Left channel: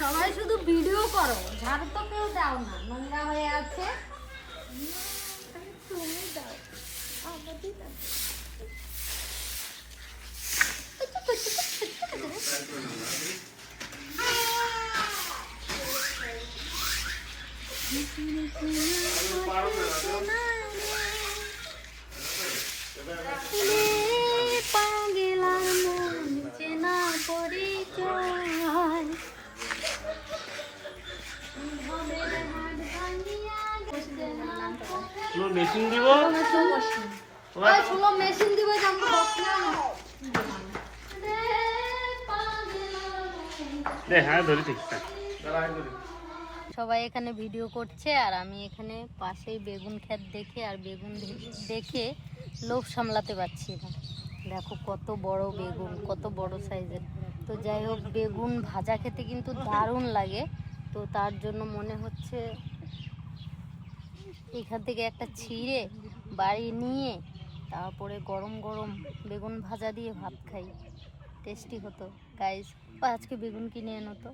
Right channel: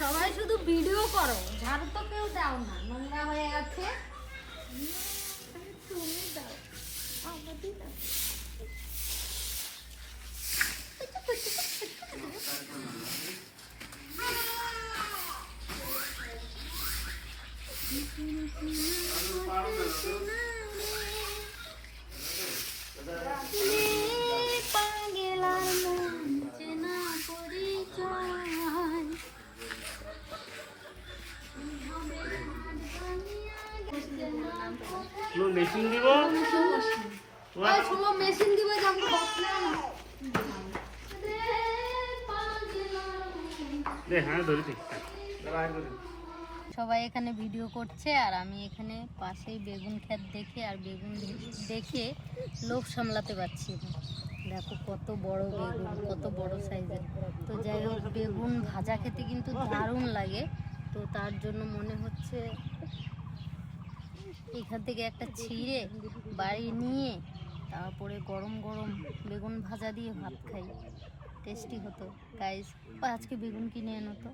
সবাই শুধু ভিডিও করো, ঝাড়ু তো কেউ দাও না, নোংরা হয়ে আছে। তুমি দাও, আমাদের দাও। পাগলার মন চেনা পরিচয়, মেশিন দিব, মেশিন দিবে। হ্যাঁ ধরে ঠিক। সবাই এখানে ভিডিও করছে আর আমি এখানে পাশেই বেগুন ক্ষেত দেখে আর বেগুন দেখে লোভ সামলাতে পারছি না। দেখো কত বড় বেগুন, কত বড় সাইজের। তো যাই হোক, বেগুন ভাজা খেতে কিন্তু দারুণ লাগে। তো তার জন্য মনে হচ্ছে এখান থেকে একটা ছিঁড়ে বাড়ি নিয়ে তারপরে গরম গরম বেগুন ভাজা দিয়ে ভাত খাই, টেস্টি হতো। গাইস, আজকে বেগুন কিনে এনো তো।